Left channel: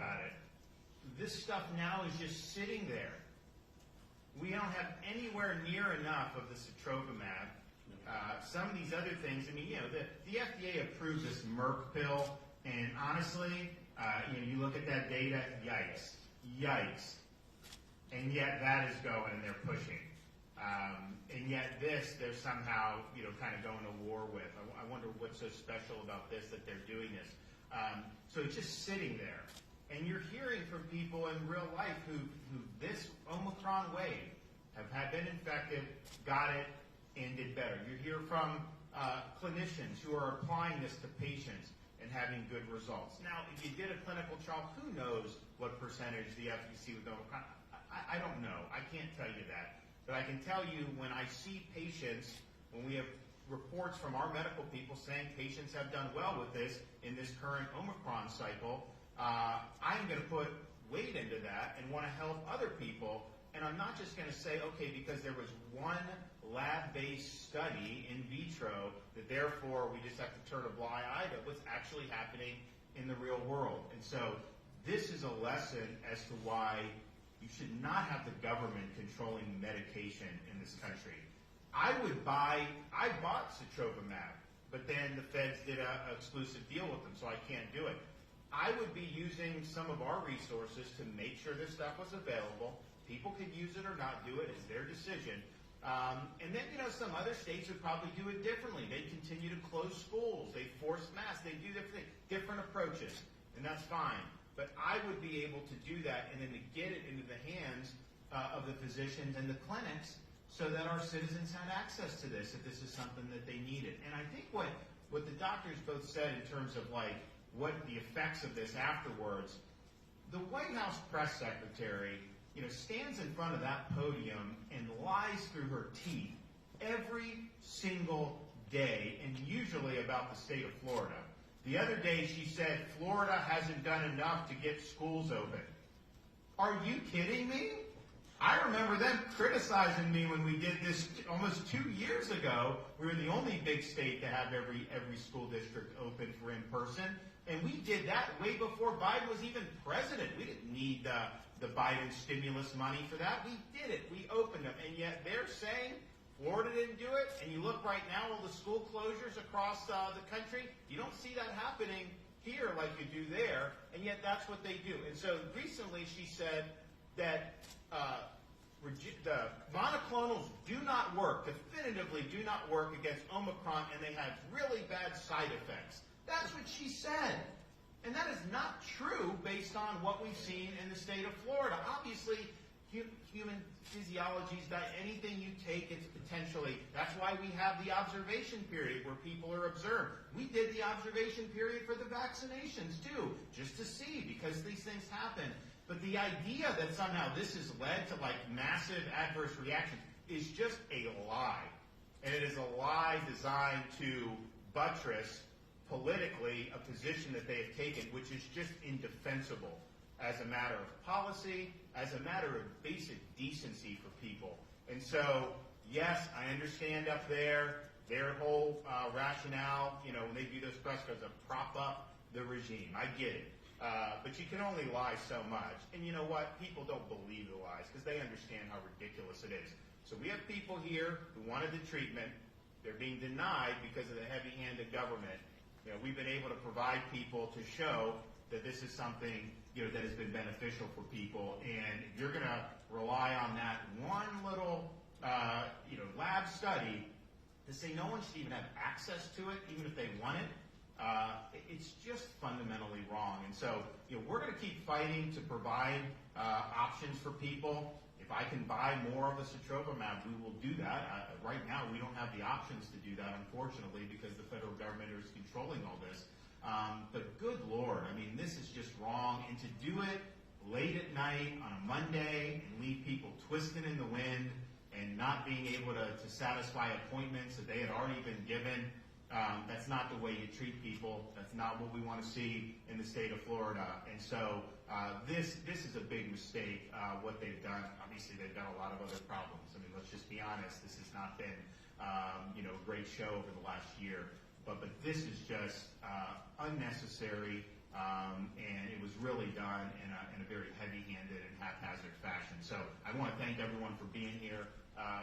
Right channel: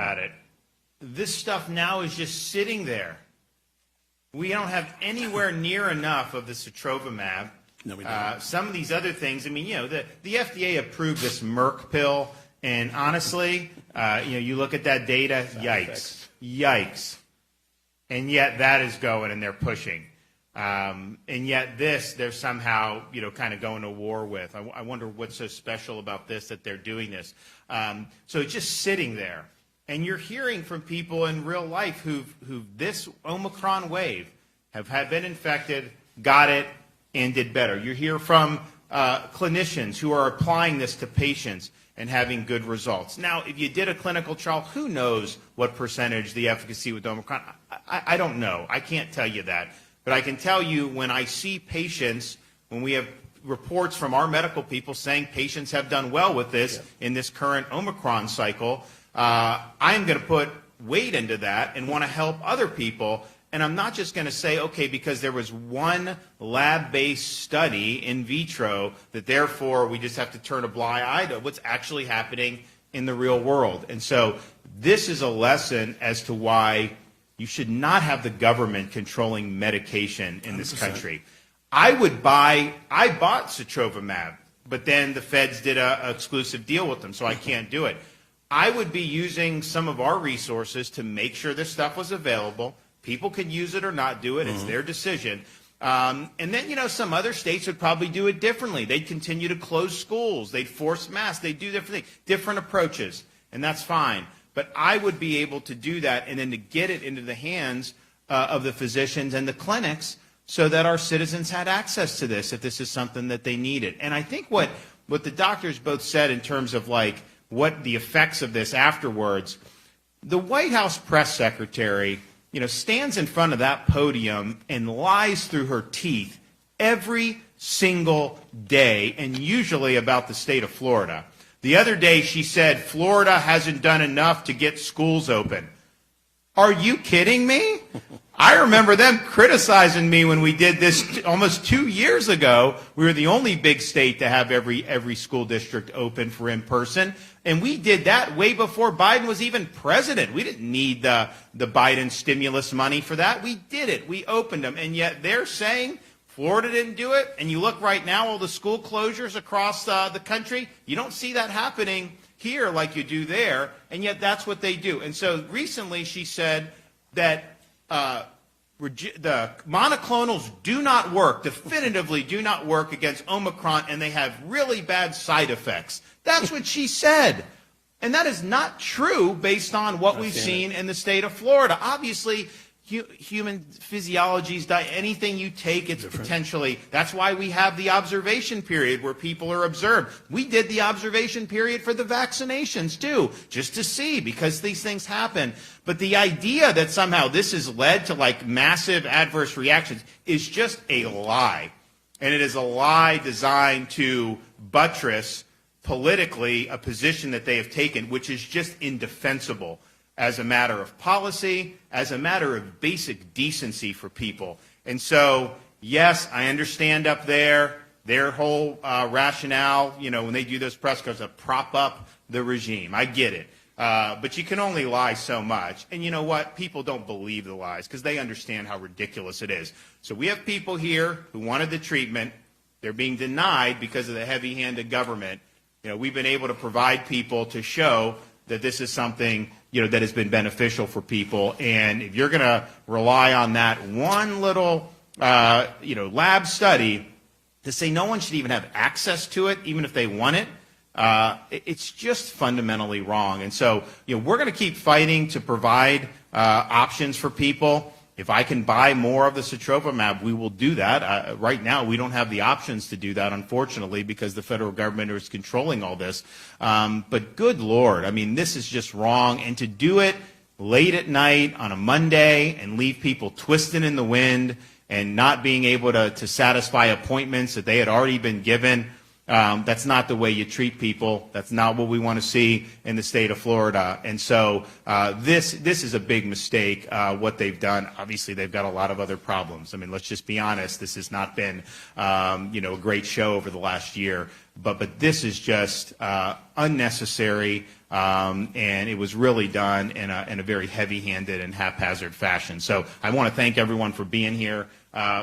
about it. This stuff now is just sitting there. We don't have anywhere near enough of the sotrovimab. No, we don't. Some of these other things, I mean, you know, the FDA approved this Merck pill, and honestly, you know, you look at that data, yikes, yikes. And yet that is going and they're pushing. And yet this, they're somehow, you know, kind of going to war with. I wonder what's so special about this that they're doing this. So it's just sitting there. And you're hearing from people in real life who this Omicron wave have been infected, got it, and did better. You hear from clinicians who are applying this to patients and having good results. Now, if you did a clinical trial, who knows what percentage the efficacy with Omicron? I don't know. I can't tell you that. But I can tell you when I see patients, when we have reports from our medical people saying patients have done well with this in this current Omicron cycle, I'm going to put weight into that and want to help other people. And I'm not just going to say, okay, because there was one lab-based study in vitro, that therefore we just have to turn a blind eye to what's actually happening in the real world. And so this is a lesson as to why you should not have the government controlling medication in this 100%. Country. I bought sotrovimab, but then the feds did an exclusive deal with them, so I can't do it. I would be using some of our resources to make sure this stuff was available. People could use it or not do it. It's their decision. And then, you know, some other states would probably do it differently. They'd continue to close schools. They'd force masks. They'd do different things, different approaches, and that's fine. But I would be able to do that and then to get it into the hands of the physicians and the clinics so that our citizens had access to this if this is something that they needed. And I think what the doctors both said in terms of like what the effects of this afterwards, the White House press secretary, you know, stands in front of that podium and lies through her teeth every single day, and usually about the state of Florida. The other day she said Florida hasn't done enough to get schools open. Are you kidding me? I remember them criticizing me when we did this almost 2 years ago. We were the only big state to have every school district open for in-person. And we did that way before Biden was even president. We didn't need the Biden stimulus money for that. We did it. We opened them. And yet they're saying Florida didn't do it. And you look right now, all the school closures across the country, you don't see that happening here like you do there. And yet that's what they do. And so recently she said that the monoclonals do not work, definitively do not work against Omicron, and they have really bad side effects. That's what she said. And that is not true based on what we've seen in the state of Florida. Obviously, human physiology, anything you take, it's potentially, that's why we have the observation period where people are observed. We did the observation period for the vaccinations too, just to see, because these things happen. But the idea that somehow this has led to like massive adverse reactions is just a lie. And it is a lie designed to buttress politically a position that they have taken, which is just indefensible as a matter of policy, as a matter of basic decency for people. And so, yes, I understand up there, their whole rationale, you know, when they do those press conferences, to prop up the regime. I get it. But you can only lie so much. And you know what? People don't believe the lies because they understand how ridiculous it is. So we have people here who wanted the treatment. They're being denied because of the heavy-handed government. You know, we've been able to provide people to show that this is something, you know, that has been beneficial for people. And if you're going to rely on that one little, you know, lab study to say no one should even have access to it, even if they want it, it's just fundamentally wrong. And so, you know, we're going to keep fighting to provide options for people. If I can buy more of the sotrovimab, we will do that. Right now, we don't have the options to do that, unfortunately, because the federal government is controlling all this. But good Lord, I mean, this is just wrong. And to do it late at night on a Monday and leave people twisting in the wind and not being able to satisfy appointments that they had already been given, that's not the way you treat people. That's not what we want to see in the state of Florida. And so this is a big mistake, what they've done. Obviously, they've got a lot of other problems. I mean, let's just be honest. This has not been, you know, a great show over the last year. But this is just unnecessary. and it was really done in a very heavy-handed and haphazard fashion. So I want to thank everyone for being here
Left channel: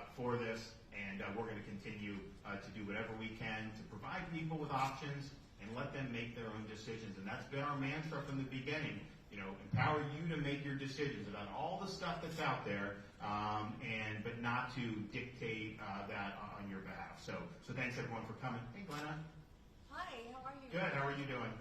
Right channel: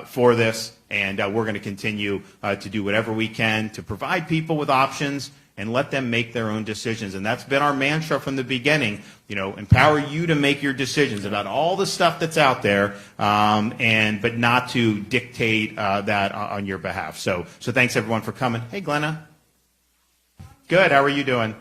for this, and we're going to continue to do whatever we can to provide people with options and let them make their own decisions. And that's been our mantra from the beginning, empower you to make your decisions about all the stuff that's out there, but not to dictate that on your behalf. So thanks everyone for coming. Hey, Glenna. Hi, how are you? Good, how are you doing?